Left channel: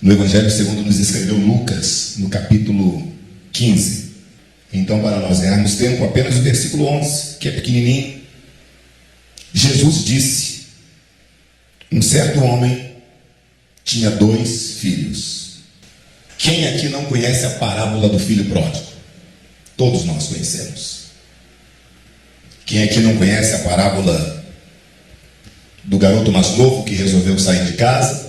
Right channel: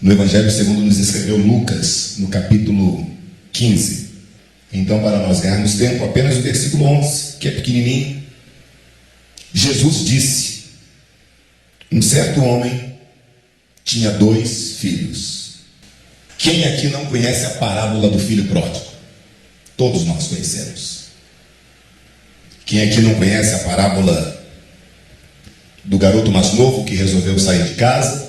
no Evangelho segundo nos escreveu Lucas, no capítulo 15. Então, para nós ganharmos tempo, apenas o versículo 11, que é pequenininho. Jesus disse: um certo homem tinha 2 filhos. Quem aqui não conhece a parábola do filho pródigo? Todos nós conhecemos. Quem aqui não conhece a parábola do garoto mais novo que resolveu sair de casa?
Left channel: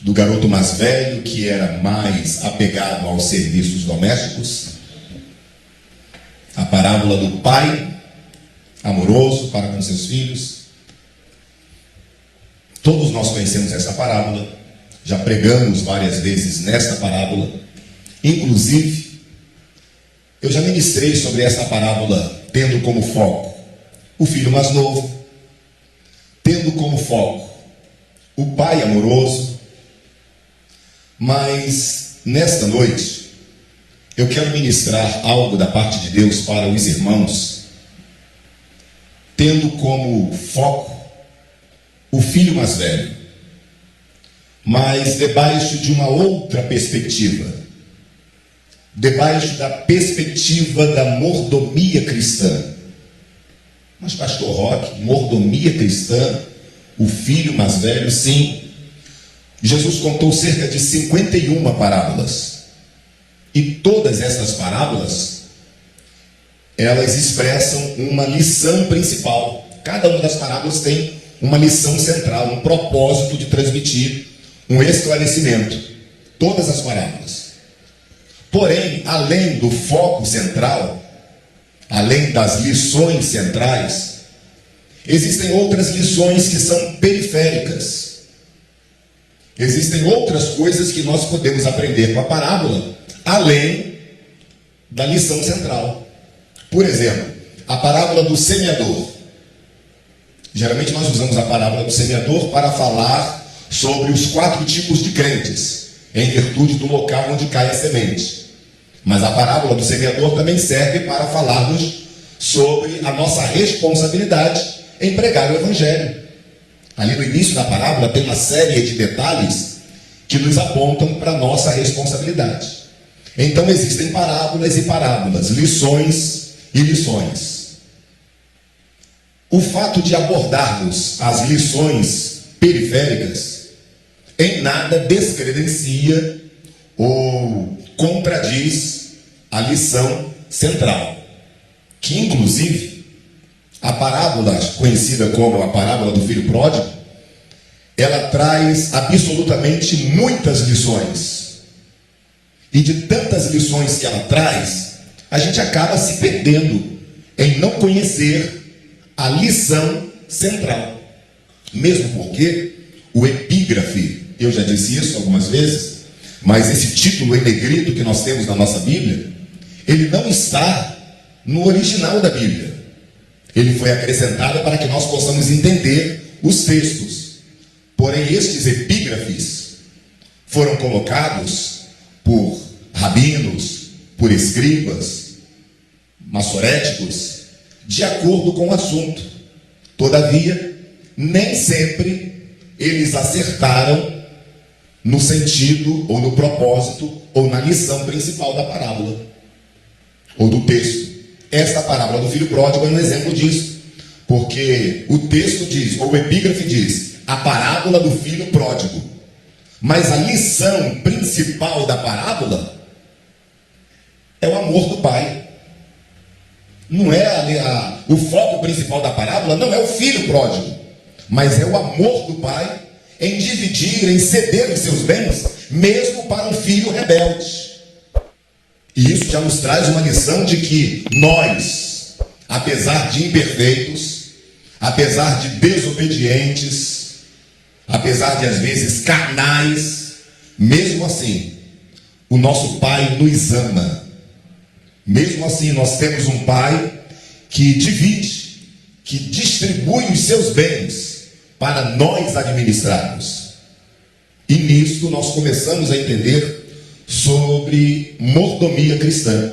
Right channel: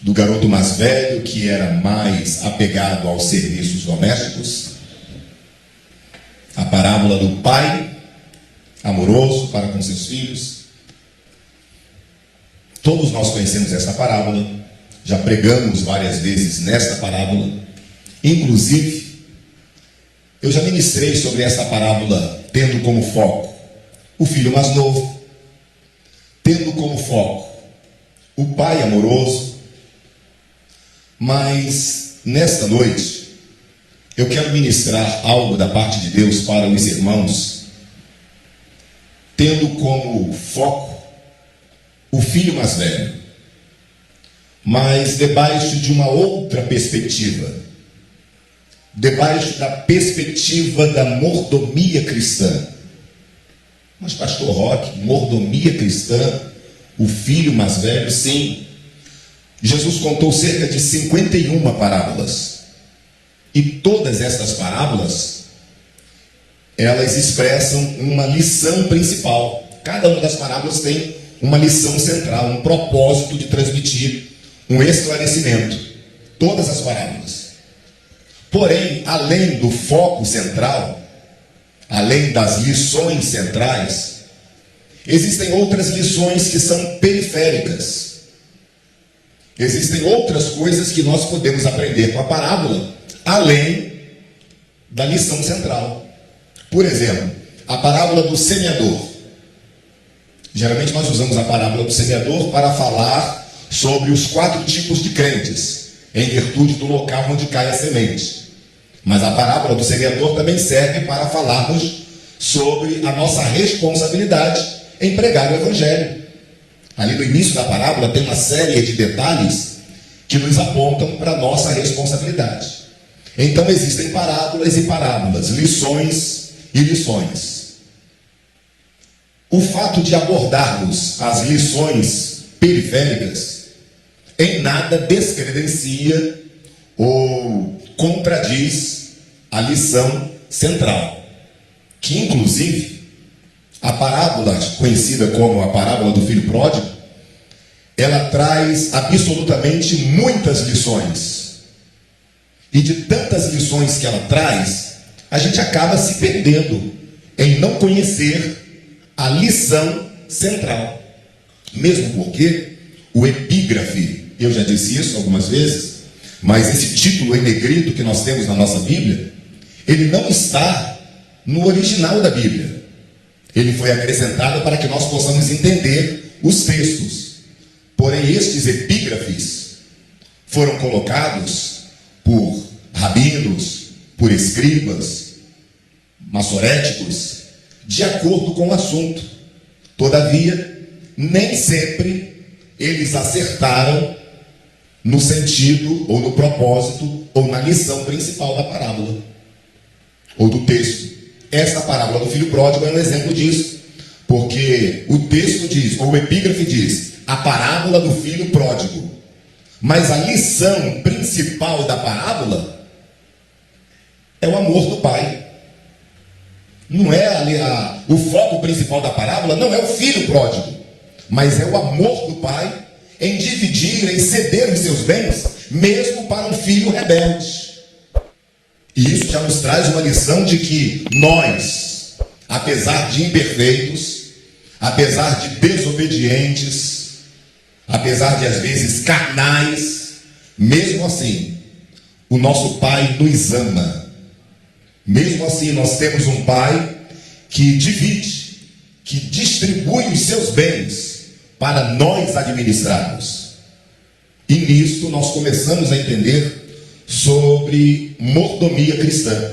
Do garoto mais velho que era mais apegado aos serviços domésticos? A parábola do pai amoroso para com seus filhos? Todos nós conhecemos essa parábola, já pregamos várias vezes nesta parábola. Inclusive, eu já ministrei sobre esta parábola tendo como foco o filho mais novo, tendo como foco o pai amoroso. Mas nesta noite eu quero ministrar algo da parte de Deus para os irmãos, tendo como foco o filho mais velho, mas debaixo de uma outra perspectiva, debaixo da perspectiva da mordomia cristã. Mas pastor Roque, mordomia cristã, o filho mais velho? Sim. Jesus contou cerca de 51 parábolas. E todas essas parábolas, elas expressam uma lição principal. Cada uma das parábolas tem uma lição central, um propósito de transmitir um esclarecimento. Todas as parábolas. Porém, além do foco central, além das lições centrais, existem outras lições que são periféricas. Existem outras coisas que nós podemos aprender com a parábola, além da lição central. Por exemplo, a parábola do semeador. Geralmente nós usamos a parábola do semeador para falar sobre os 4 tipos de crentes, em virtude do local onde cai a semente. Mas a parábola do semeador também serve para falarmos sobre a nossa responsabilidade em pregar o Evangelho. Ali no início da parábola tem uma série de detalhes que nos apontam para a nossa responsabilidade. Então existem parábolas e parábolas, lições e lições. O fato de abordarmos as lições periféricas em nada descredencia ou contradiz a lição central, que inclusive a parábola conhecida como a parábola do filho pródigo, ela traz absolutamente muitas lições. E de tantas lições que ela traz, a gente acaba se perdendo em não conhecer a lição central. Mesmo porque o epígrafe, eu já disse isso algumas vezes, mas esse título em negrito que nós temos na nossa Bíblia, ele não está no original da Bíblia. Ele foi acrescentado para que nós possamos entender os textos. Porém, estes epígrafes foram colocados por rabinos, por escribas, maçoréticos, de acordo com o assunto. Todavia, nem sempre eles acertaram no sentido, ou no propósito, ou na lição principal da parábola, ou do texto. Esta parábola do filho pródigo é um exemplo disso, porque o texto diz, ou o epígrafe diz, a parábola do filho pródigo. Mas a lição principal da parábola é o amor do pai. Não é o foco principal da parábola, não é o filho pródigo, mas é o amor do pai em dividir, em ceder os seus bens, mesmo para um filho rebelde. E isso já nos traz uma lição de que nós, apesar de imperfeitos, apesar de desobedientes, apesar de às vezes carnais, mesmo assim, o nosso Pai nos ama. Mesmo assim, nós temos um Pai que divide, que distribui os seus bens para nós administrarmos. E nisto nós começamos a entender sobre mordomia cristã.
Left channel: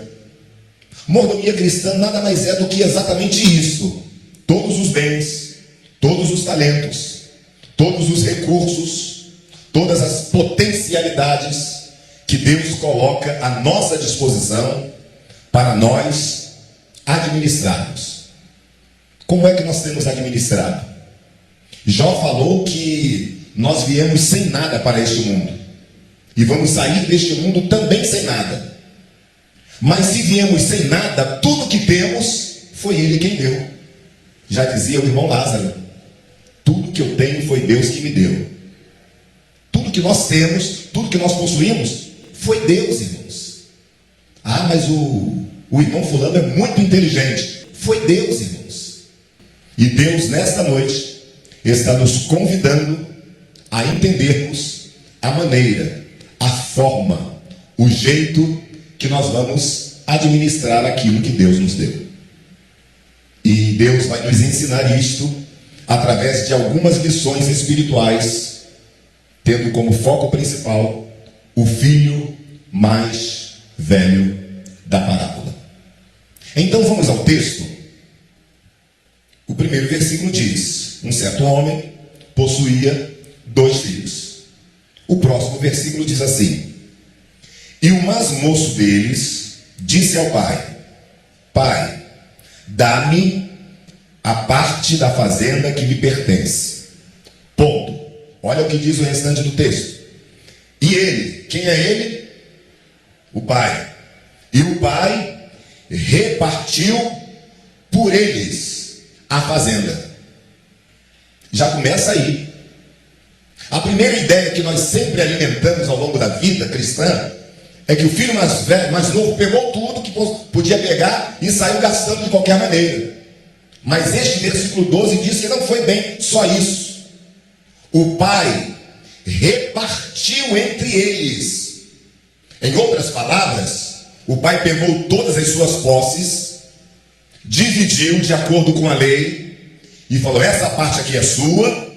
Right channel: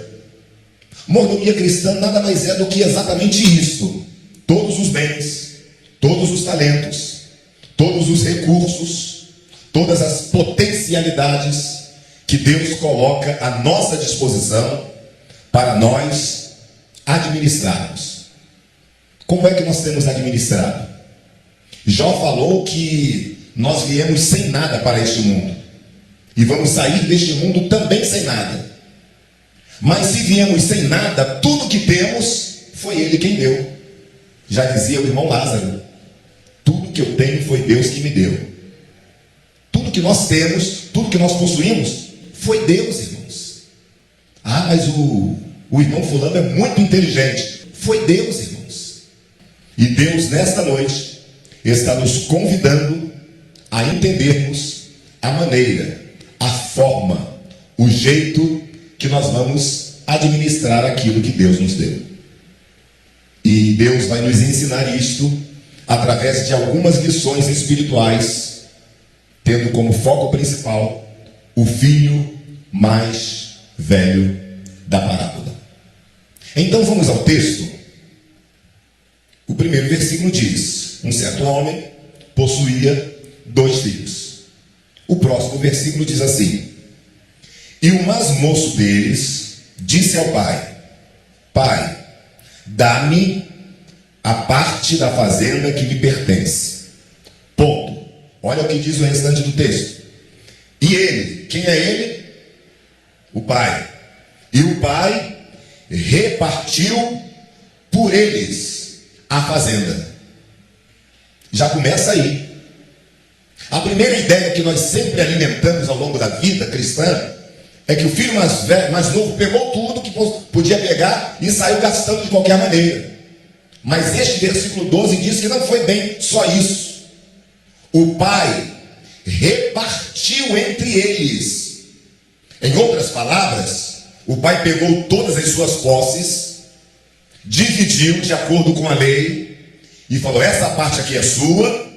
Mordomia cristã nada mais é do que exatamente isto: todos os bens, todos os talentos, todos os recursos, todas as potencialidades que Deus coloca à nossa disposição para nós administrarmos. Como é que nós temos administrado? Jó falou que nós viemos sem nada para este mundo e vamos sair deste mundo também sem nada. Mas se viemos sem nada, tudo que temos foi Ele quem deu. Já dizia o irmão Lázaro: tudo que eu tenho foi Deus que me deu. Tudo que nós temos, tudo que nós possuímos, foi Deus, irmãos. Ah, mas o irmão fulano é muito inteligente. Foi Deus, irmãos. E Deus, nesta noite, está nos convidando a entendermos a maneira, a forma, o jeito que nós vamos administrar aquilo que Deus nos deu. E Deus vai nos ensinar isto através de algumas lições espirituais, tendo como foco principal o filho mais velho da parábola. Então vamos ao texto. O primeiro versículo diz: um certo homem possuía 2 filhos. O próximo versículo diz assim: e o mais moço deles disse ao pai: pai, dá-me a parte da fazenda que me pertence. Ponto. Olha o que diz o restante do texto. E ele, quem é ele? O pai. E o pai repartiu por eles a fazenda. Já começa aí. A primeira ideia que nós sempre alimentamos ao longo da vida cristã é que o filho mais velho, mais novo, pegou tudo que podia pegar e saiu gastando de qualquer maneira. Mas este versículo 12 diz que não foi bem só isso. O pai repartiu entre eles. Em outras palavras, o pai pegou todas as suas posses, dividiu de acordo com a lei e falou: essa parte aqui é sua,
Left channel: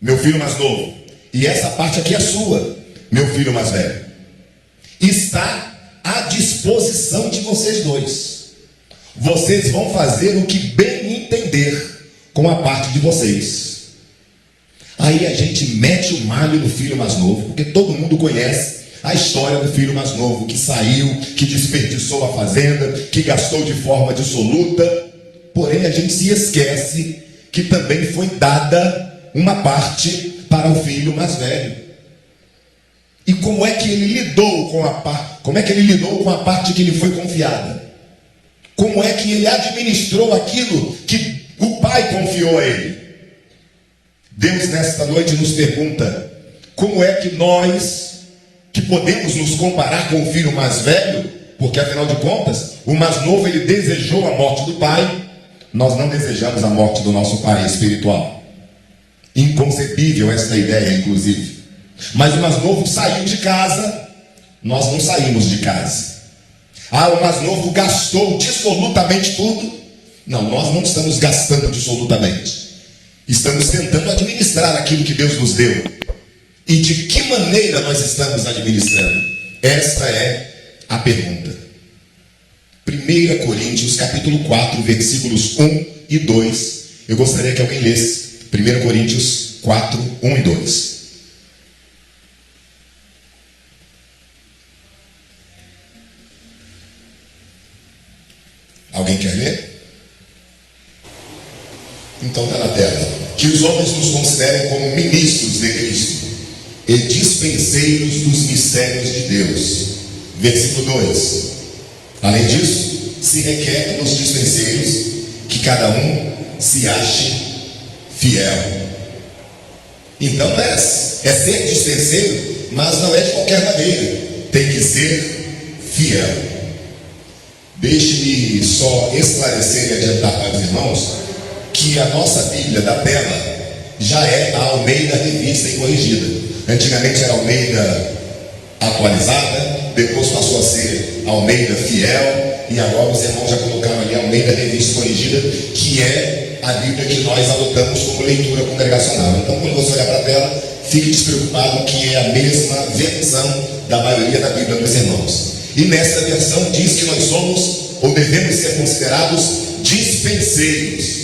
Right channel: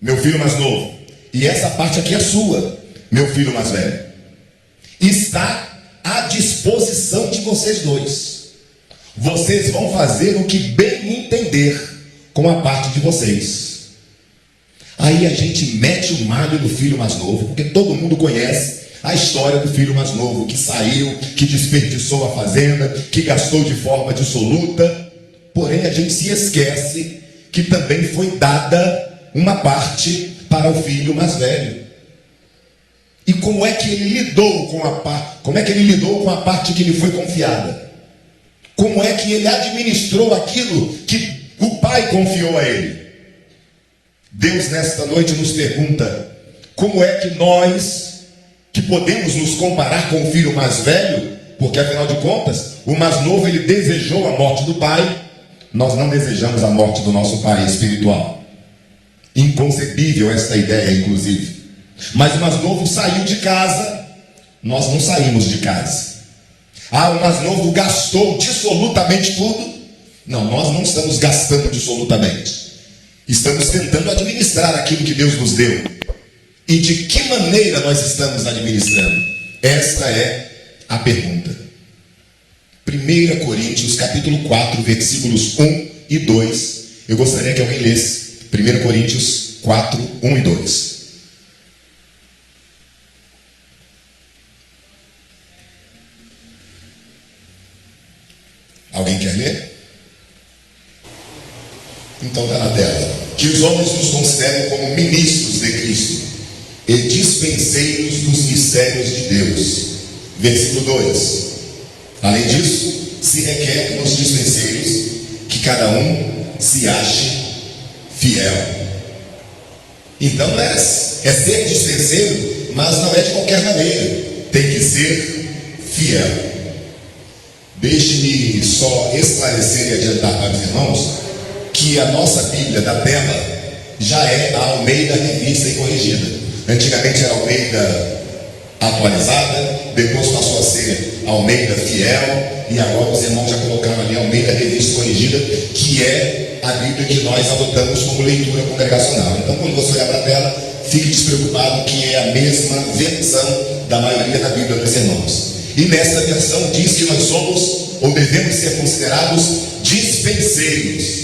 meu filho mais novo, e essa parte aqui é sua, meu filho mais velho. Está à disposição de vocês dois. Vocês vão fazer o que bem entender com a parte de vocês. Aí a gente mete o malho do filho mais novo, porque todo mundo conhece a história do filho mais novo, que saiu, que desperdiçou a fazenda, que gastou de forma dissoluta. Porém a gente se esquece que também foi dada uma parte para o filho mais velho. E como é que ele lidou com a parte? Como é que ele lidou com a parte que lhe foi confiada? Como é que ele administrou aquilo que o pai confiou a ele? Deus nesta noite nos pergunta: como é que nós, que podemos nos comparar com o filho mais velho, porque afinal de contas, o mais novo ele desejou a morte do pai, nós não desejamos a morte do nosso pai espiritual. Inconcebível esta ideia, inclusive. Mas o mais novo saiu de casa, nós não saímos de casa. Ah, o mais novo gastou dissolutamente tudo. Não, nós não estamos gastando dissolutamente. Estamos tentando administrar aquilo que Deus nos deu. E de que maneira nós estamos administrando? Esta é a pergunta. 1 Coríntios capítulo 4, versículos 1 e 2. Eu gostaria que alguém lesse 1 Coríntios 4, 1 e 2. Alguém quer ler? Então está na tela. Que os homens nos considerem como ministros de Cristo e dispenseiros dos mistérios de Deus. Versículo 2. Além disso, se requer nos dispenseiros que cada um se ache fiel. Então é ser dispenseiro, mas não é de qualquer maneira. Tem que ser fiel. Deixe-me só esclarecer e adiantar para os irmãos que a nossa Bíblia da tela já é a Almeida Revista e Corrigida. Antigamente era Almeida Atualizada, depois passou a ser Almeida Fiel, e agora os irmãos já colocaram ali Almeida Revista e Corrigida, que é a Bíblia que nós adotamos como leitura congregacional. Então, quando você olhar para a tela, fique despreocupado que é a mesma versão da maioria da Bíblia dos irmãos. E nesta versão diz que nós somos, ou devemos ser considerados, dispenseiros.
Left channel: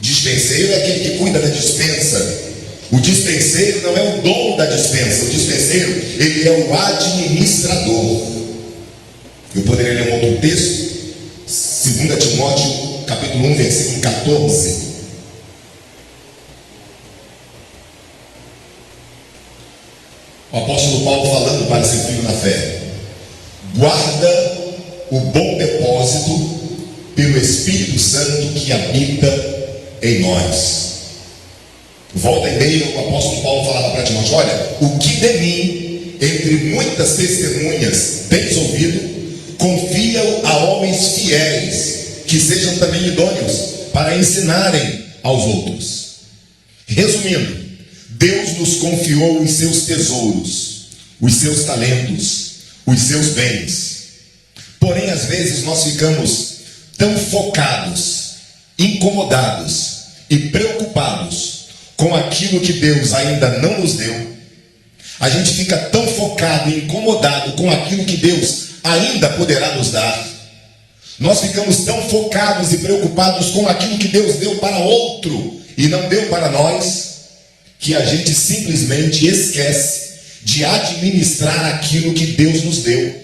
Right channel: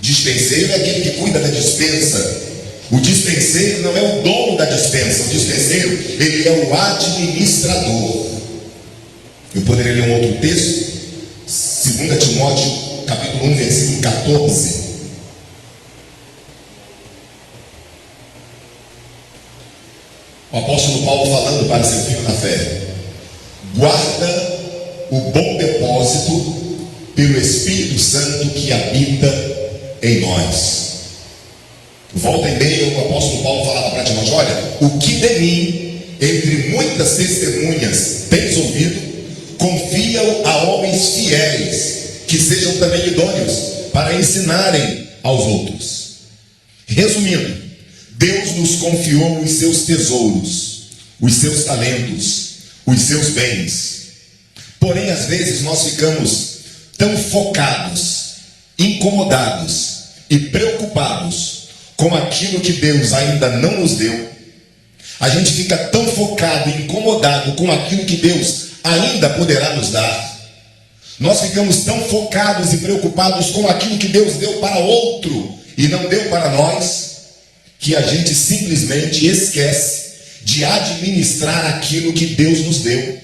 Dispenseiro é aquele que cuida da dispensa, O dispenseiro não é o dono da dispensa. O dispenseiro, ele é o administrador. Eu poderia ler um outro texto, 2 Timóteo, capítulo 1, versículo 14. O apóstolo Paulo falando para seu filho na fé: guarda o bom depósito pelo Espírito Santo que habita em nós. Volta e meia, o apóstolo Paulo falava para Timóteo: olha, o que de mim, entre muitas testemunhas, tens ouvido, confia-o a homens fiéis, que sejam também idôneos para ensinarem aos outros. Resumindo, Deus nos confiou os seus tesouros, os seus talentos, os seus bens. Porém, às vezes nós ficamos tão focados, incomodados e preocupados com aquilo que Deus ainda não nos deu. A gente fica tão focado e incomodado com aquilo que Deus ainda poderá nos dar. Nós ficamos tão focados e preocupados com aquilo que Deus deu para outro e não deu para nós, que a gente simplesmente esquece de administrar aquilo que Deus nos deu.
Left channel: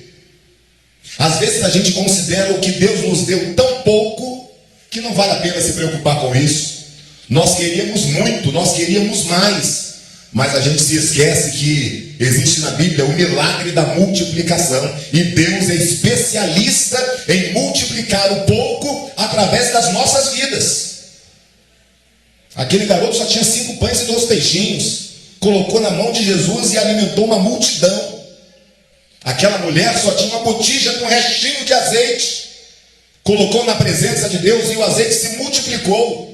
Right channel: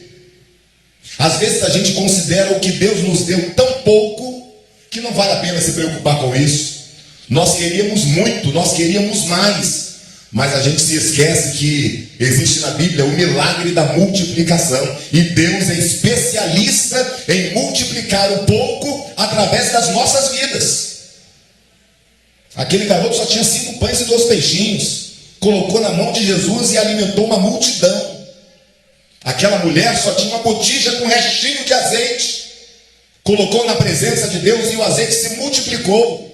Às vezes a gente considera o que Deus nos deu tão pouco que não vale a pena se preocupar com isso. Nós queríamos muito, nós queríamos mais, mas a gente se esquece que existe na Bíblia o milagre da multiplicação, e Deus é especialista em multiplicar o pouco através das nossas vidas. Aquele garoto só tinha 5 pães e 2 peixinhos, colocou na mão de Jesus e alimentou uma multidão. Aquela mulher só tinha uma botija com um restinho de azeite, colocou na presença de Deus e o azeite se multiplicou.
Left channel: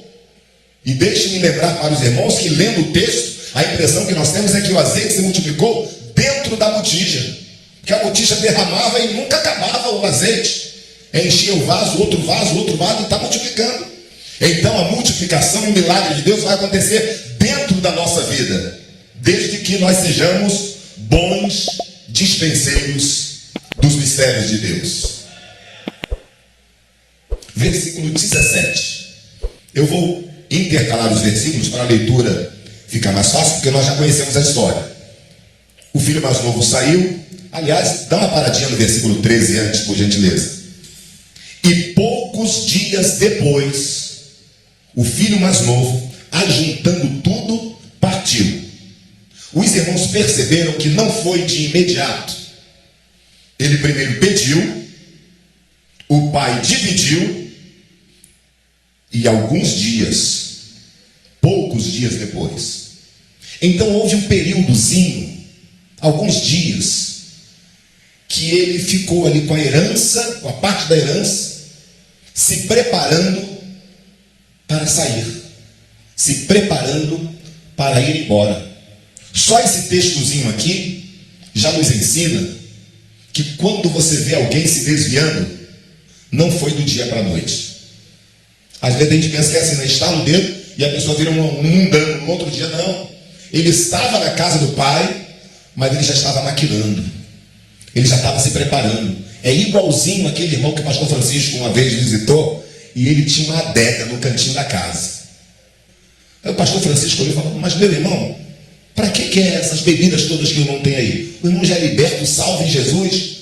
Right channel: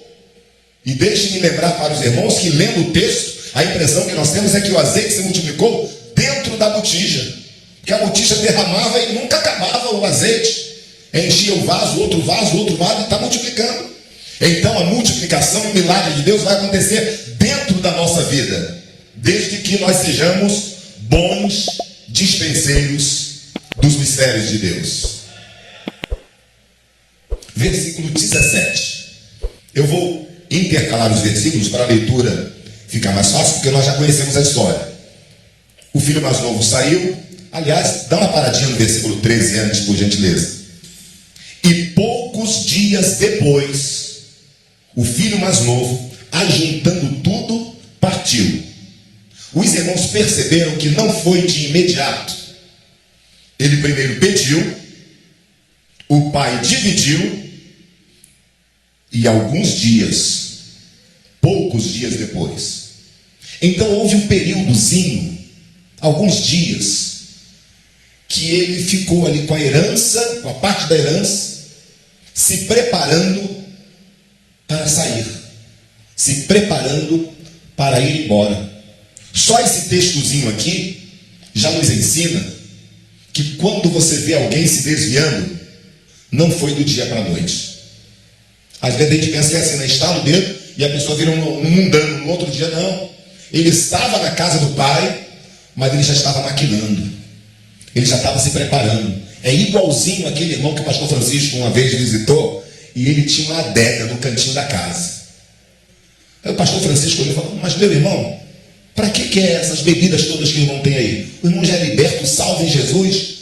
E deixe-me lembrar para os irmãos que, lendo o texto, a impressão que nós temos é que o azeite se multiplicou dentro da botija, que a botija derramava e nunca acabava o azeite, enchia o vaso, outro vaso, e está multiplicando. Então a multiplicação, o milagre de Deus vai acontecer dentro da nossa vida, desde que nós sejamos bons dispenseiros dos mistérios de Deus. Versículo 17. Eu vou intercalar os versículos para a leitura ficar mais fácil, porque nós já conhecemos a história. O filho mais novo saiu. Aliás, dá uma paradinha no versículo 13 antes, por gentileza. E poucos dias depois, o filho mais novo, ajuntando tudo, partiu. Os irmãos perceberam que não foi de imediato. Ele primeiro pediu, o pai dividiu, e alguns dias, poucos dias depois, então houve um períodozinho, alguns dias, que ele ficou ali com a herança, com a parte da herança, se preparando para sair, se preparando para ir embora. Só esse textozinho aqui já nos ensina que quando você vê alguém se desviando, não foi do dia para a noite. Às vezes a gente pensa que é assim, né? Estala o dedo e a pessoa vira um mundano. No outro dia, não. Ele estava na casa do pai, mas ele já estava maquinando. Ele já estava se preparando. É igualzinho aquele irmão que o pastor Francisco uma vez visitou, e ele tinha uma adega no cantinho da casa. Aí o pastor Francisco olhou e falou: mas meu irmão, para que é essas bebidas todas que o irmão tem aí? O irmão já é liberto, salve Jesus.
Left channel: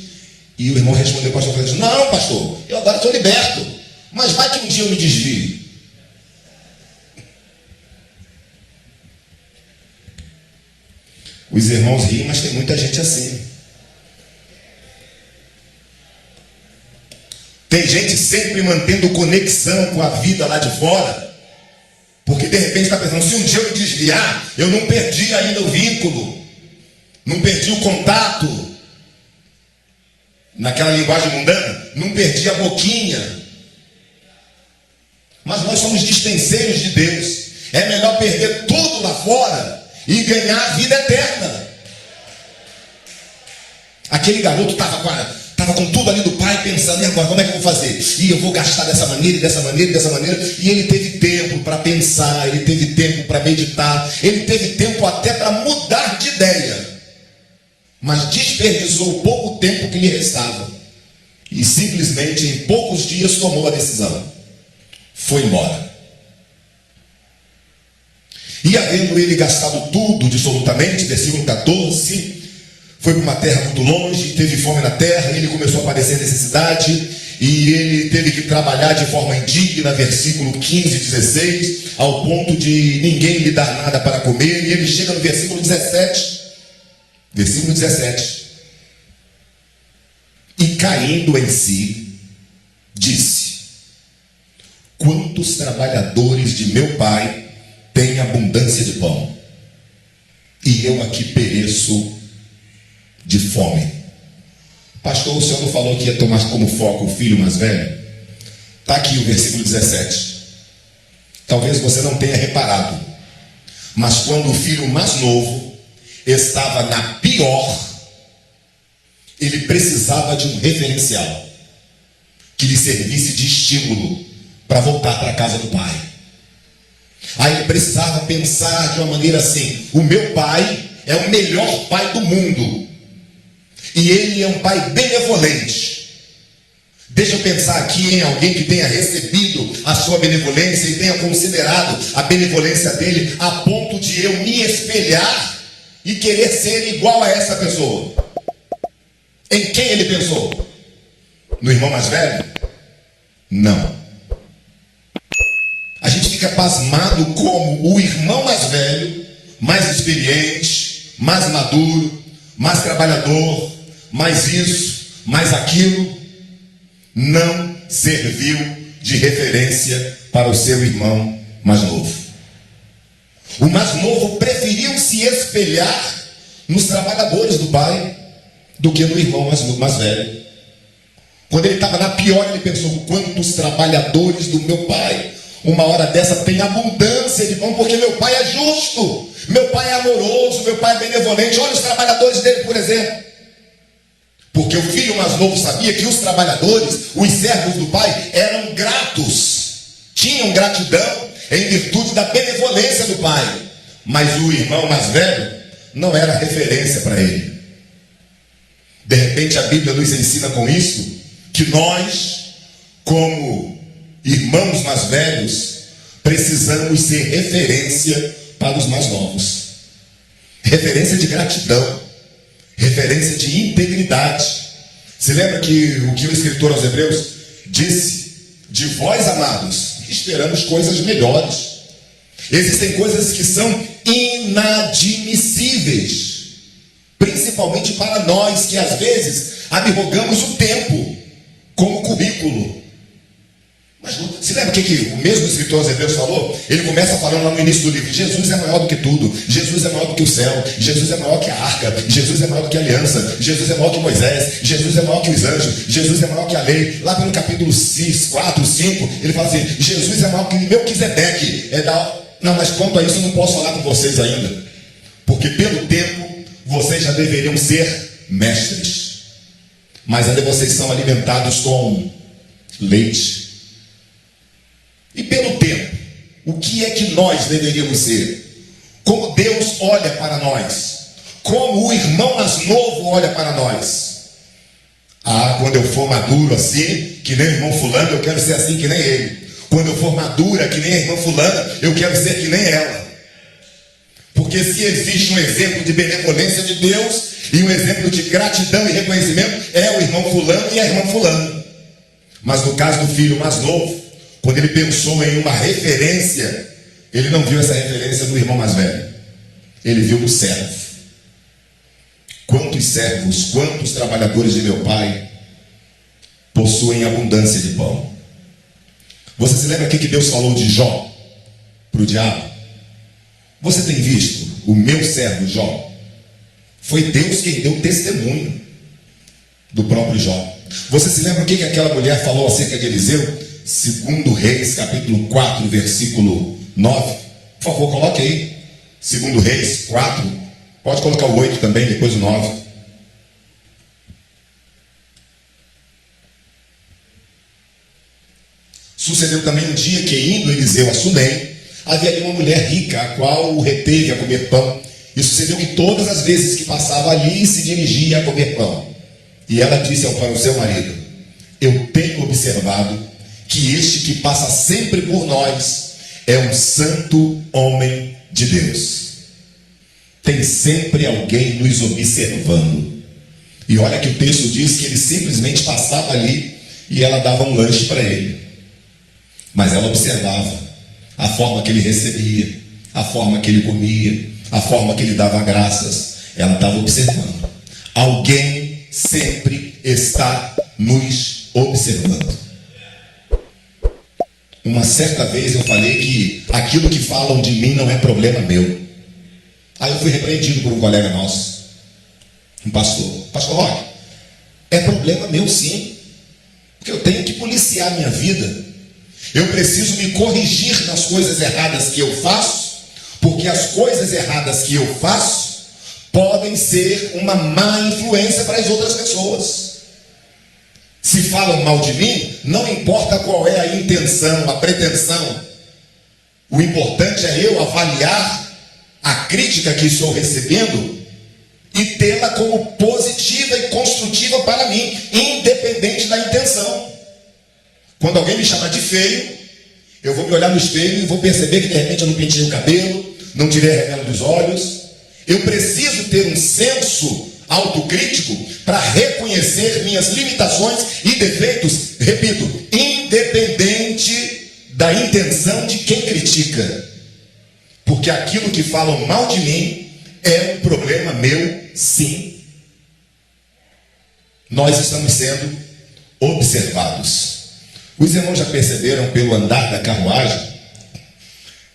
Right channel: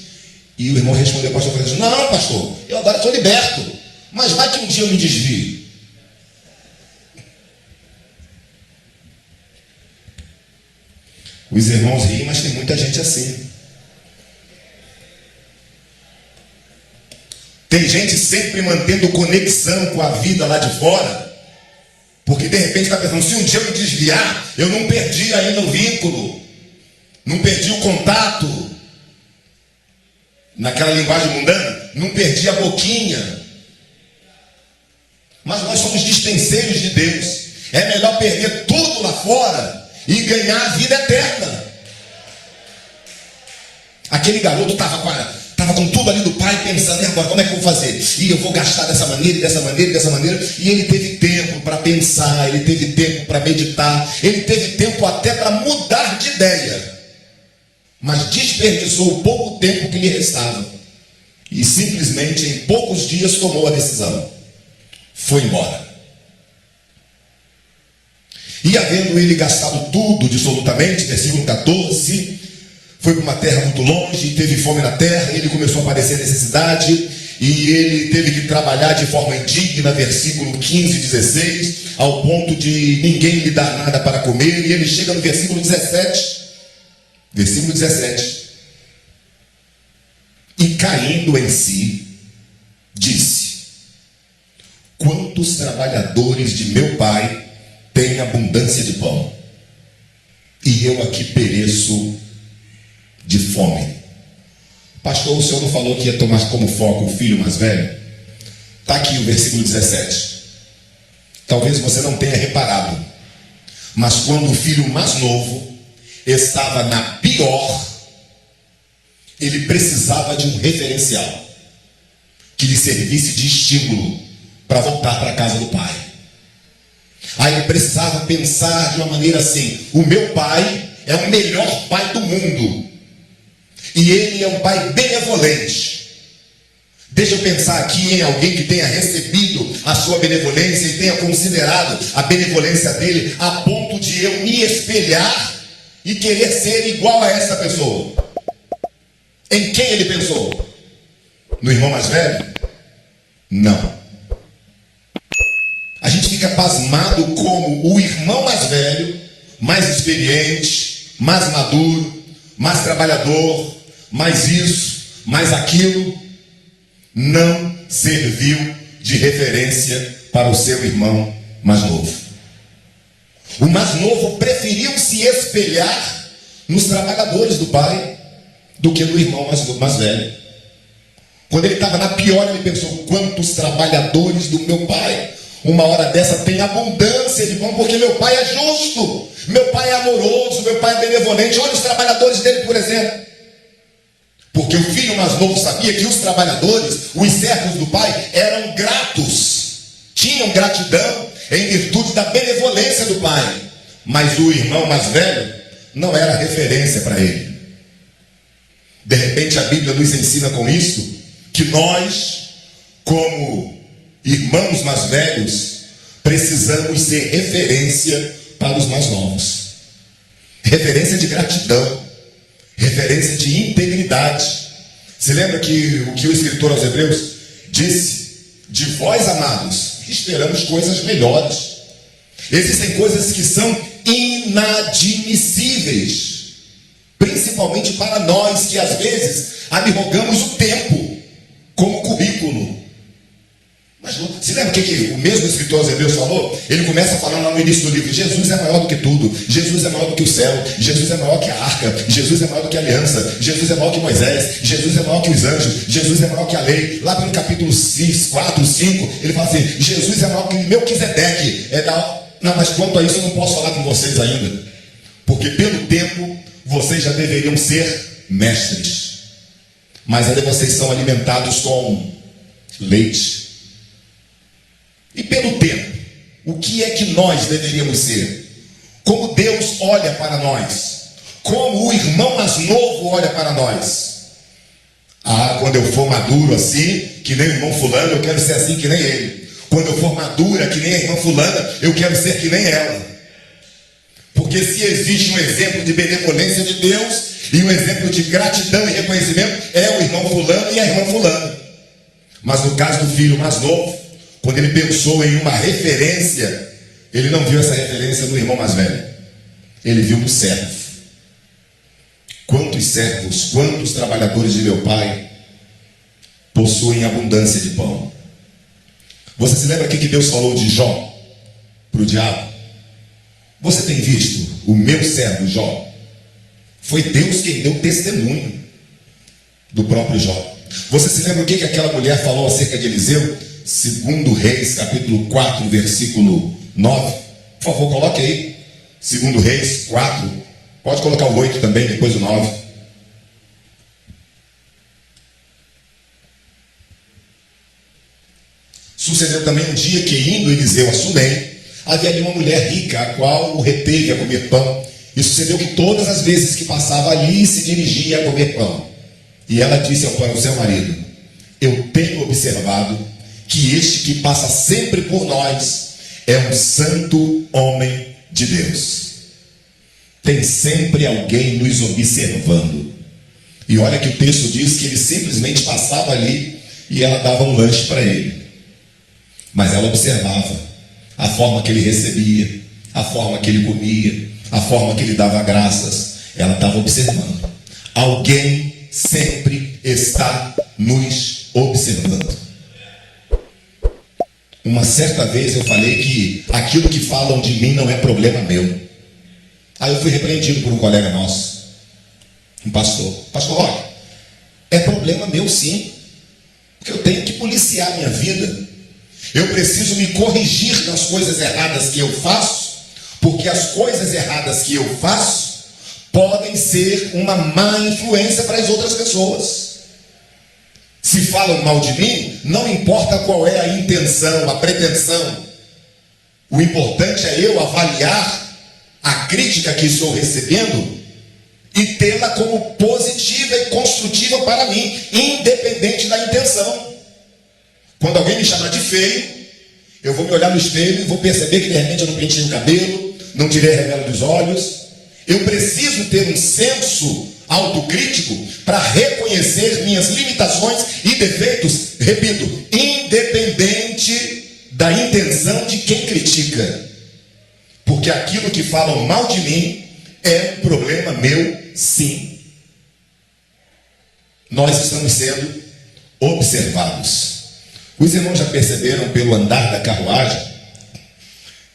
E o irmão respondeu ao pastor Francisco: não, pastor, eu agora estou liberto, mas vai que um dia eu me desvie. Os irmãos riem, mas tem muita gente assim. Tem gente sempre mantendo conexão com a vida lá de fora, porque de repente está pensando: se um dia eu me desviar, eu não perdi ainda o vínculo, não perdi o contato, naquela linguagem mundana, não perdi a boquinha. Mas nós somos dispenseiros de Deus. É melhor perder tudo lá fora e ganhar a vida eterna. Aquele garoto estava com tudo ali do pai, pensando: e agora como é que eu vou fazer? E eu vou gastar dessa maneira, dessa maneira, dessa maneira. E ele teve tempo para pensar, ele teve tempo para meditar, ele teve tempo até para mudar de ideia, mas desperdiçou o pouco tempo que lhe restava e simplesmente em poucos dias tomou a decisão, foi embora. E havendo ele gastado tudo, absolutamente, versículo 14, foi para uma terra muito longe, teve fome na terra, ele começou a padecer necessidade, e ele teve que trabalhar de forma indigna, versículo 15 e 16, ao ponto de ninguém lhe dar nada para comer, e ele chega no versículo 17, e caindo em si, disse: quantos trabalhadores de meu pai têm abundância de pão, e eu aqui pereço de fome. Pastor, o senhor não falou que ia tomar como foco o filho mais velho? Está aqui o versículo 17. Talvez você não tenha reparado, mas quando o filho mais novo estava na pior, ele precisava de um referencial que lhe servisse de estímulo para voltar para a casa do pai. Aí ele precisava pensar de uma maneira assim: o meu pai é o melhor pai do mundo, e ele é um pai benevolente. Deixa eu pensar aqui em alguém que tenha recebido a sua benevolência e tenha considerado a benevolência dele a ponto de eu me espelhar e querer ser igual a essa pessoa. Em quem ele pensou? No irmão mais velho? Não. A gente fica pasmado como o irmão mais velho, mais experiente, mais maduro, mais trabalhador, mais isso, mais aquilo, não serviu de referência para o seu irmão mais novo. O mais novo preferiu se espelhar nos trabalhadores do pai do que no irmão mais velho. Quando ele estava na pior, ele pensou: quantos trabalhadores do meu pai, uma hora dessa, tem abundância de pão, porque meu pai é justo, meu pai é amoroso, meu pai é benevolente. Olha os trabalhadores dele, por exemplo. Porque o filho mais novo sabia que os trabalhadores, os servos do pai, eram gratos, tinham gratidão em virtude da benevolência do pai. Mas o irmão mais velho não era referência para ele. De repente a Bíblia nos ensina com isso que nós, como irmãos mais velhos, precisamos ser referência para os mais novos. Referência de gratidão, referência de integridade. Você lembra que o que o escritor aos Hebreus disse? De vós, amados, esperamos coisas melhores. Existem coisas que são inadmissíveis, principalmente para nós que às vezes arrogamos o tempo como currículo. Mas se lembra o que o mesmo escritor aos Hebreus falou? Ele começa falando lá no início do livro: Jesus é maior do que tudo, Jesus é maior do que o céu, Jesus é maior que a arca, Jesus é maior do que a aliança, Jesus é maior que Moisés, Jesus é maior que os anjos, Jesus é maior que a lei. Lá pelo capítulo 6, 4, 5, ele fala assim: Jesus é maior que Melquisedeque. Não, mas quanto a isso eu não posso falar com vocês ainda, porque pelo tempo vocês já deveriam ser mestres, mas ainda vocês são alimentados com leite. E pelo tempo, o que é que nós deveríamos ser? Como Deus olha para nós? Como o irmão mais novo olha para nós? Quando eu for maduro assim, que nem o irmão fulano, eu quero ser assim que nem ele. Quando eu for madura, que nem a irmã fulana, eu quero ser que nem ela. Porque se existe um exemplo de benevolência de Deus e um exemplo de gratidão e reconhecimento, é o irmão fulano e a irmã fulana. Mas no caso do filho mais novo, quando ele pensou em uma referência, ele não viu essa referência no irmão mais velho. Ele viu no servo. Quantos servos, quantos trabalhadores de meu pai possuem abundância de pão? Você se lembra o que Deus falou de Jó para o diabo? Você tem visto o meu servo Jó? Foi Deus quem deu testemunho do próprio Jó. Você se lembra o que aquela mulher falou acerca de Eliseu? Segundo Reis, capítulo 4, versículo 9. Por favor, coloque aí. Segundo Reis 4. Pode colocar o 8 também, depois o 9. Sucedeu também um dia que, indo Eliseu a Sunem, havia ali uma mulher rica, a qual o reteve a comer pão. E sucedeu que todas as vezes que passava ali, se dirigia a comer pão. E ela disse para o seu marido: eu tenho observado que este que passa sempre por nós é um santo homem de Deus. Tem sempre alguém nos observando. E olha que o texto diz que ele simplesmente passava ali e ela dava um lanche para ele. Mas ela observava a forma que ele recebia, a forma que ele comia, a forma que ele dava graças. Ela estava observando. Alguém sempre está nos observando. Uma certa vez eu falei que aquilo que falam de mim não é problema meu. Aí eu fui repreendido por um colega nosso, um pastor. Pastor, olha, é problema meu sim, porque eu tenho que policiar a minha vida. Eu preciso me corrigir nas coisas erradas que eu faço, porque as coisas erradas que eu faço podem ser uma má influência para as outras pessoas. Se falam mal de mim, não importa qual é a intenção, a pretensão. O importante é eu avaliar a crítica que estou recebendo e tê-la como positiva e construtiva para mim, independente da intenção. Quando alguém me chamar de feio, eu vou me olhar no espelho e vou perceber que de repente eu não pentei o cabelo, não tirei a remela dos olhos. Eu preciso ter um senso autocrítico para reconhecer minhas limitações e defeitos, repito, independente da intenção de quem critica. Porque aquilo que falam mal de mim é um problema meu, sim. Nós estamos sendo observados. Os irmãos já perceberam pelo andar da carruagem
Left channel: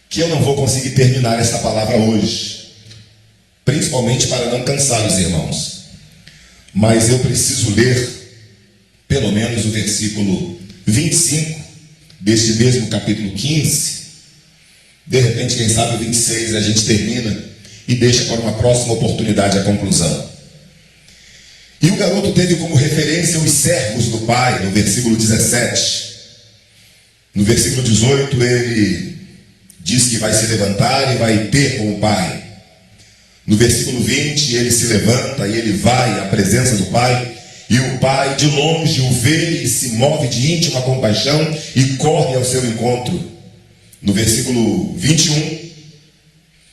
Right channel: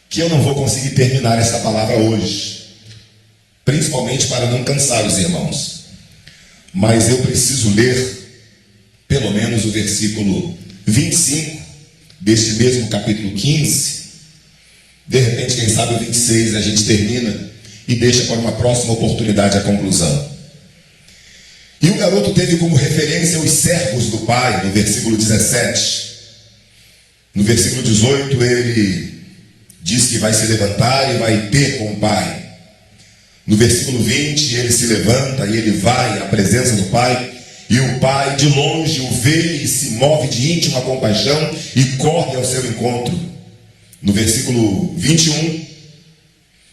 que eu não vou conseguir terminar essa palavra hoje, principalmente para não cansar os irmãos. Mas eu preciso ler pelo menos o versículo 25 deste mesmo capítulo 15. De repente, quem sabe o 26 a gente termina e deixa para uma próxima oportunidade a conclusão. E o garoto teve como referência os servos do pai, no versículo 17. No versículo 18 ele diz que vai se levantar e vai ter com o pai. No versículo 20 ele se levanta e ele vai à presença do pai. E o pai de longe o vê e se move de íntima compaixão e corre ao seu encontro. No versículo 21,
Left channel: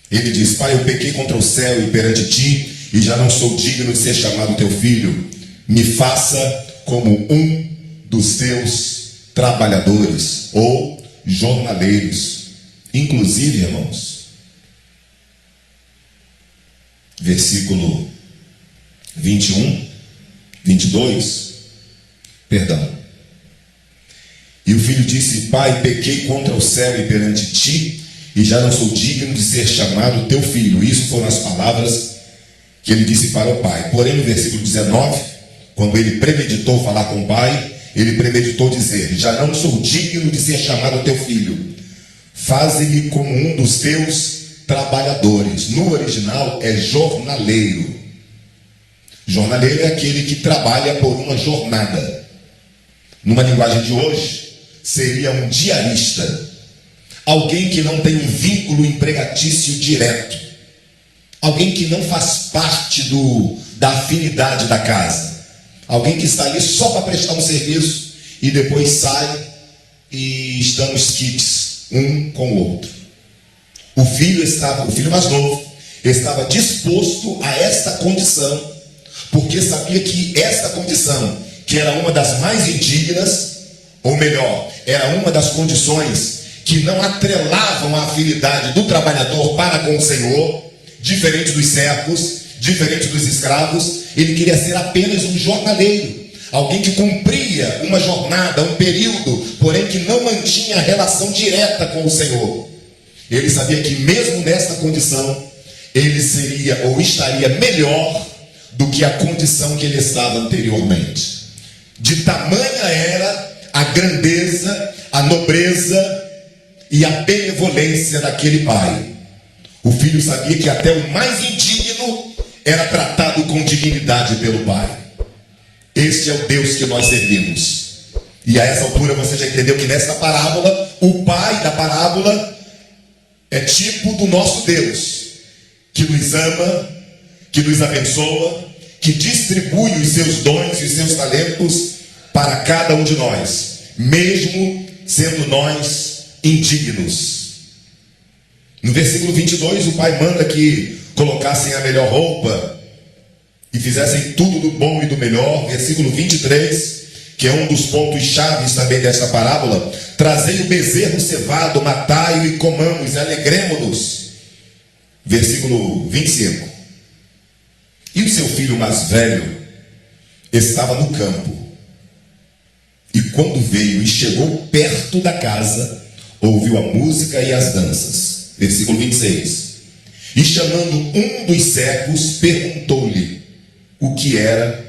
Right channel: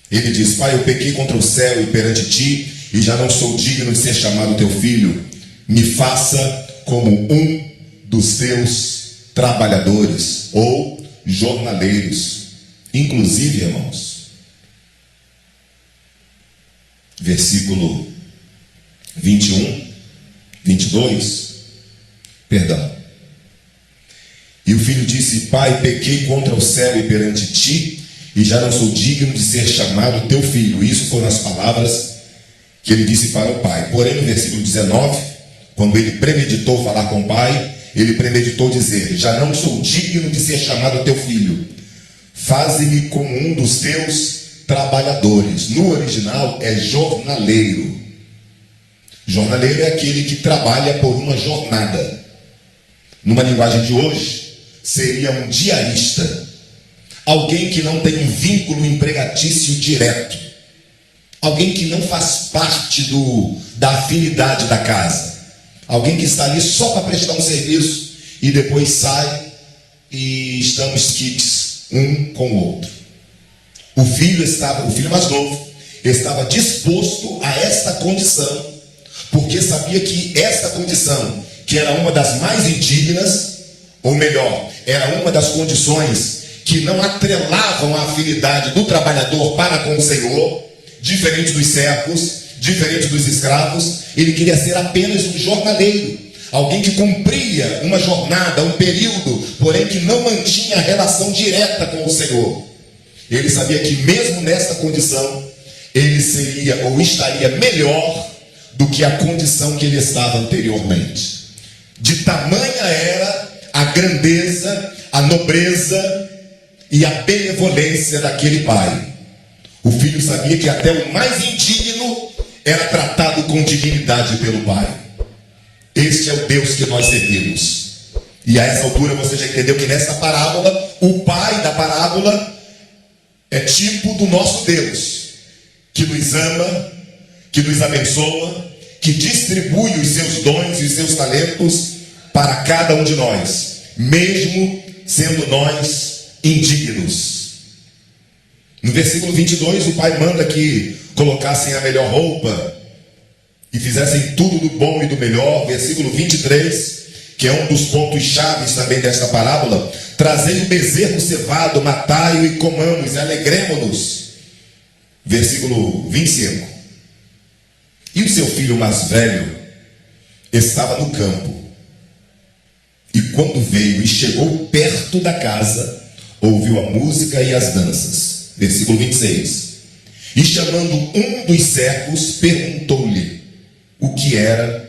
ele diz: Pai, eu pequei contra o céu e perante ti, e já não sou digno de ser chamado teu filho. Me faça como um dos teus trabalhadores ou jornaleiros. Inclusive, irmãos, versículo 21, 22, perdão. E o filho disse: Pai, pequei contra o céu e perante ti, e já não sou digno de ser chamado teu filho. Isso foram as palavras que ele disse para o pai. Porém, no versículo 19, quando ele premeditou falar com o pai, ele premeditou dizer: já não sou digno de ser chamado teu filho. Faze-me como um dos teus trabalhadores. No original é jornaleiro. Jornaleiro é aquele que trabalha por uma jornada. Numa linguagem de hoje, seria um diarista. Alguém que não tem um vínculo empregatício direto. Alguém que não faz parte da afinidade da casa. Alguém que está ali só para prestar um serviço e depois sai e estamos quites um com o outro. O filho mais novo estava disposto a esta condição, porque sabia que esta condição, que era uma das mais indignas, ou melhor, era uma das condições que não atrelavam a afinidade do trabalhador para com o Senhor, diferente dos servos, diferente dos escravos. Ele queria ser apenas um jornaleiro, alguém que cumpria uma jornada, um período, porém que não mantinha relação direta com o Senhor. Ele sabia que mesmo nesta condição, ele seria ou estaria melhor do que a condição que ele estava anteriormente. De tamanha era a grandeza, a nobreza e a benevolência daquele pai. O filho sabia que até o mais indigno era tratado com dignidade pelo pai. Este é o Deus que nós servimos. E a essa altura você já entendeu que nessa parábola, o pai da parábola é tipo do nosso Deus, que nos ama, que nos abençoa, que distribui os seus dons e os seus talentos para cada um de nós, mesmo sendo nós indignos. No versículo 22, o pai manda que colocassem a melhor roupa e fizessem tudo do bom e do melhor. Versículo 23, que é um dos pontos chaves também desta parábola: trazei o bezerro cevado, matai-o e comamos, e alegremo-nos. Versículo 25, e o seu filho mais velho estava no campo, e quando veio e chegou perto da casa, ouviu a música e as danças. Versículo 26, e chamando um dos servos, perguntou-lhe o que era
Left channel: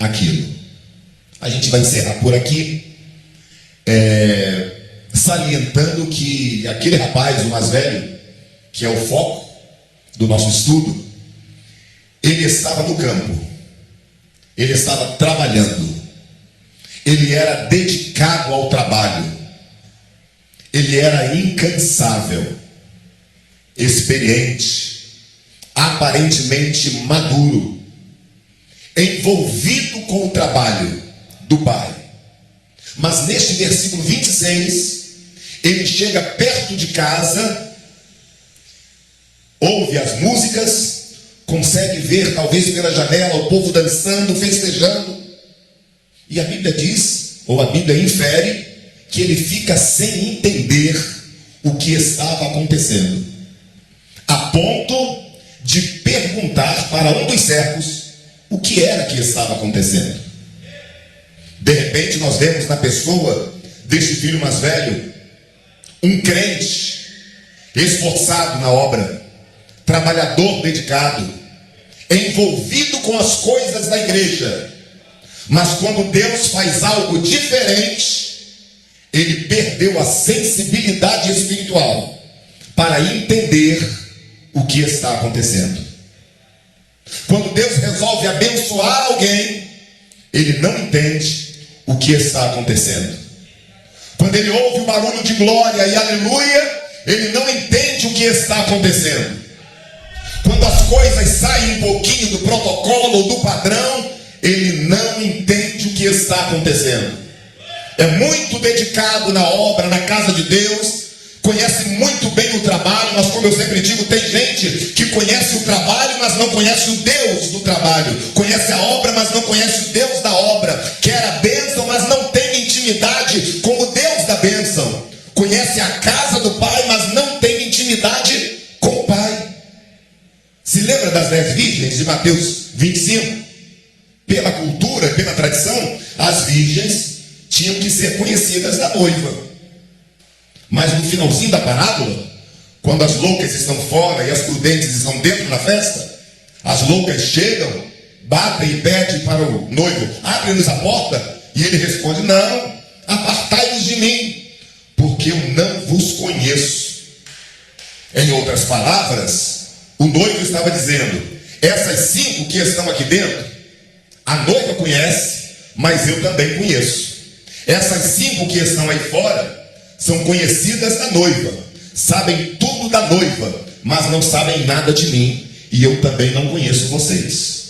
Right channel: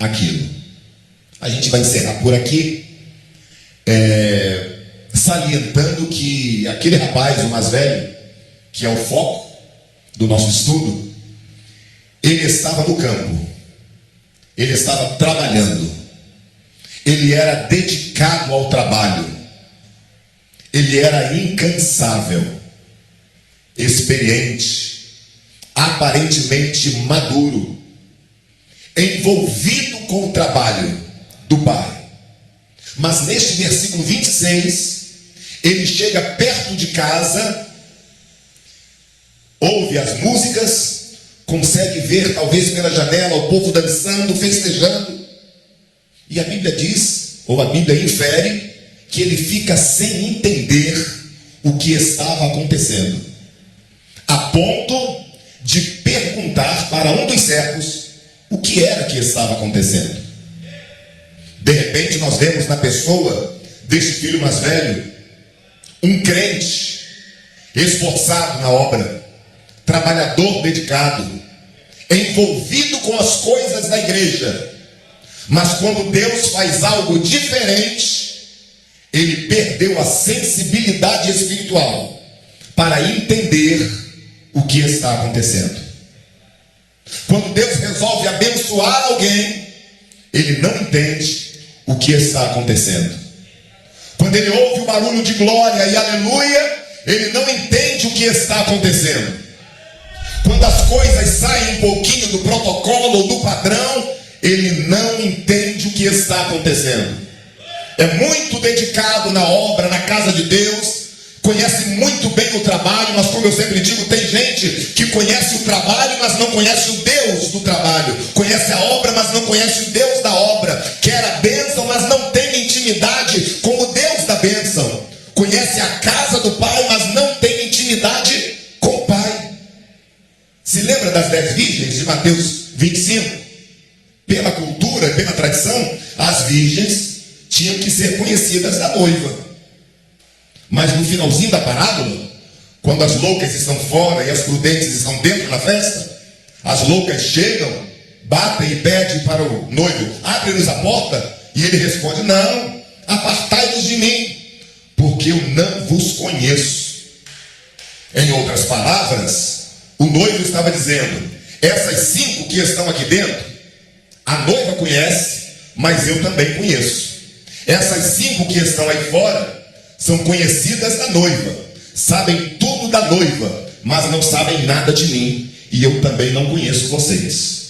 aquilo. A gente vai encerrar por aqui, salientando que aquele rapaz, o mais velho, que é o foco do nosso estudo, ele estava no campo, ele estava trabalhando, ele era dedicado ao trabalho, ele era incansável, experiente, aparentemente maduro, envolvido com o trabalho do pai. Mas neste versículo 26, ele chega perto de casa, ouve as músicas, consegue ver talvez pela janela o povo dançando, festejando, e a Bíblia diz, ou a Bíblia infere, que ele fica sem entender o que estava acontecendo, a ponto de perguntar para um dos servos o que era que estava acontecendo. De repente nós vemos na pessoa deste filho mais velho um crente esforçado na obra, trabalhador dedicado, envolvido com as coisas da igreja, mas quando Deus faz algo diferente, ele perdeu a sensibilidade espiritual para entender o que está acontecendo. Quando Deus resolve abençoar alguém, ele não entende o que está acontecendo. Quando ele ouve o barulho de glória e aleluia, ele não entende o que está acontecendo. Quando as coisas saem um pouquinho do protocolo ou do padrão, ele não entende o que está acontecendo. É muito dedicado na obra, na casa de Deus, conhece muito bem o trabalho, mas como eu sempre digo, tem gente que conhece o trabalho, mas não conhece o Deus do trabalho, conhece a obra, mas não conhece o Deus da obra, quer a bênção, mas não tem intimidade com o Deus da bênção, conhece a casa do Pai, mas não tem intimidade com o Pai. Se lembra das 10 virgens de Mateus 25? Pela cultura, pela tradição, as virgens tinham que ser conhecidas da noiva. Mas no finalzinho da parábola, quando as loucas estão fora e as prudentes estão dentro da festa, as loucas chegam, batem e pedem para o noivo: abre-nos a porta. E ele responde: não, apartai-vos de mim, porque eu não vos conheço. Em outras palavras, o noivo estava dizendo: essas 5 que estão aqui dentro, a noiva conhece, mas eu também conheço. Essas 5 que estão aí fora são conhecidas da noiva, sabem tudo da noiva, mas não sabem nada de mim, e eu também não conheço vocês.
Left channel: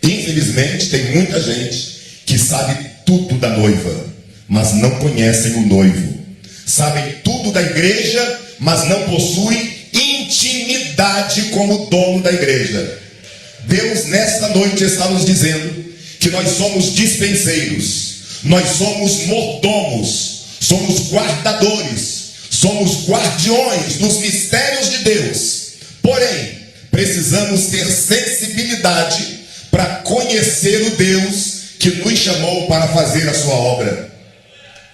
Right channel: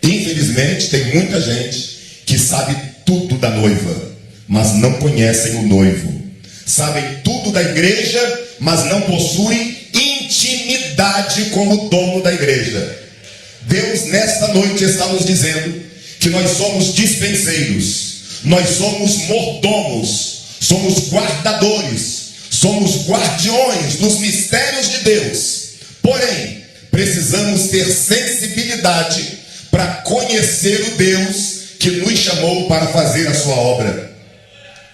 Infelizmente, tem muita gente que sabe tudo da noiva, mas não conhecem o noivo. Sabem tudo da igreja, mas não possuem intimidade com o dono da igreja. Deus nesta noite está nos dizendo que nós somos dispenseiros, nós somos mordomos, somos guardadores, somos guardiões dos mistérios de Deus. Porém, precisamos ter sensibilidade para conhecer o Deus que nos chamou para fazer a sua obra.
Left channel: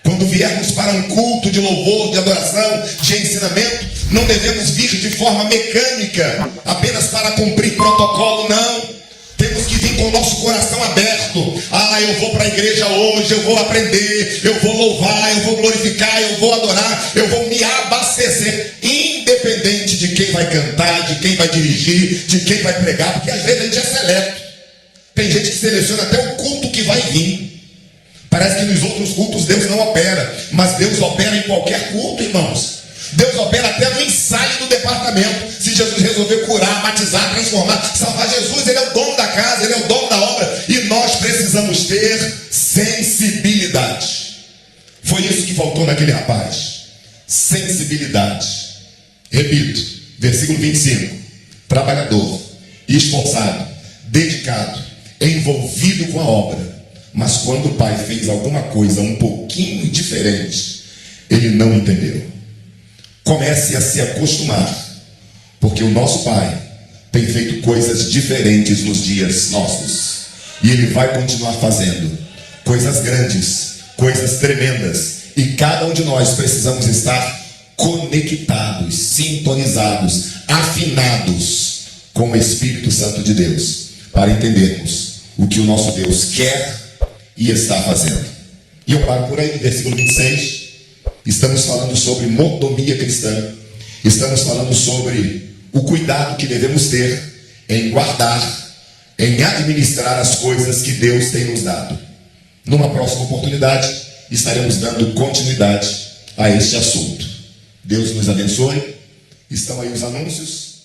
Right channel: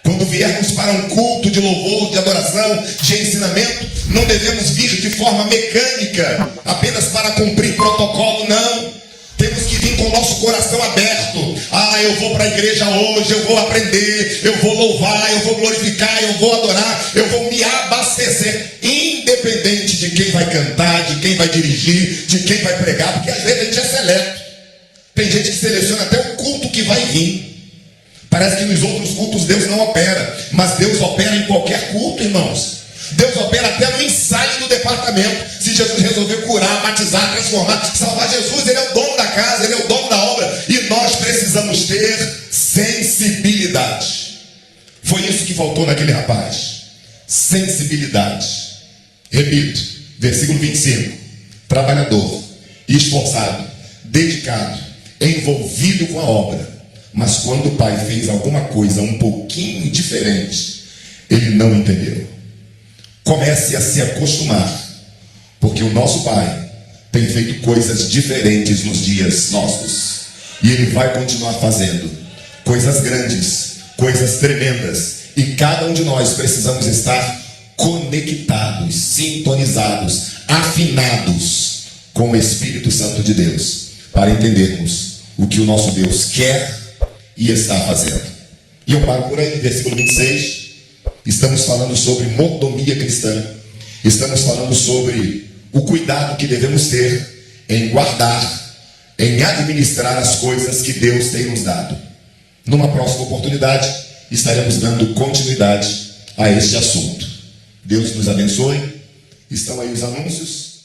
Quando viermos para um culto de louvor, de adoração, de ensinamento, não devemos vir de forma mecânica, apenas para cumprir protocolo, não. Temos que vir com o nosso coração aberto. Eu vou para a igreja hoje, eu vou aprender, eu vou louvar, eu vou glorificar, eu vou adorar, eu vou me abastecer, independente de quem vai cantar, de quem vai dirigir, de quem vai pregar, porque às vezes a gente é seleto. Tem gente que seleciona até o culto que vai vir. Parece que nos outros cultos Deus não opera, mas Deus opera em qualquer culto, irmãos. Deus opera até no ensaio do departamento. Se Jesus resolver curar, batizar, transformar, salvar, Jesus, ele é o dono da casa, ele é o dono da obra, e nós precisamos ter sensibilidade. Foi isso que faltou naquele rapaz: sensibilidade. Repito, versículo 25. Trabalhador, esforçado, dedicado, envolvido com a obra. Mas quando o pai fez alguma coisa um pouquinho diferente, ele não entendeu. Comece a se acostumar, porque o nosso pai tem feito coisas diferentes nos dias nossos. E ele vai continuar fazendo coisas grandes, coisas tremendas. E cada um de nós precisamos estar conectados, sintonizados, afinados com o Espírito Santo de Deus, para entendermos o que o nosso Deus quer e está fazendo. E eu paro por aí no versículo 26. Estamos falando sobre mordomia cristã. Estamos falando sobre o cuidado que devemos ter em guardar, em administrar as coisas que Deus tem nos dado. Numa próxima oportunidade, estaremos dando continuidade a este assunto. Deus nos abençoe. Estão aí os anúncios.